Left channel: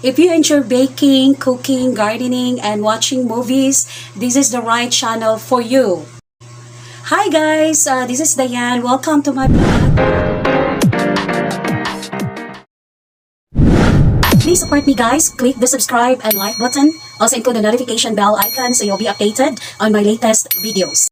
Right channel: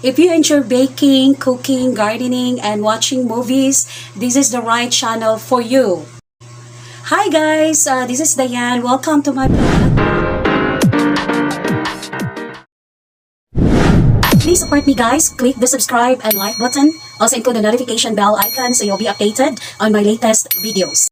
If you enjoy baking, cooking, gardening, and watching movies, this is the right channel for you. Hi guys, this is Diane. Welcome to my blog. Please support me guys. Click the subscribe and like button. Also include the notification bell icon so you'll be updated on my latest videos.